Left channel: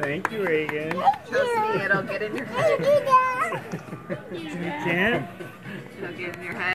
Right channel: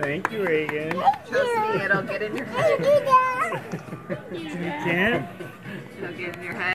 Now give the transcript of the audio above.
Thank you, Reagan. Trust me, it'll get in your head. You can't? It'll get in your head.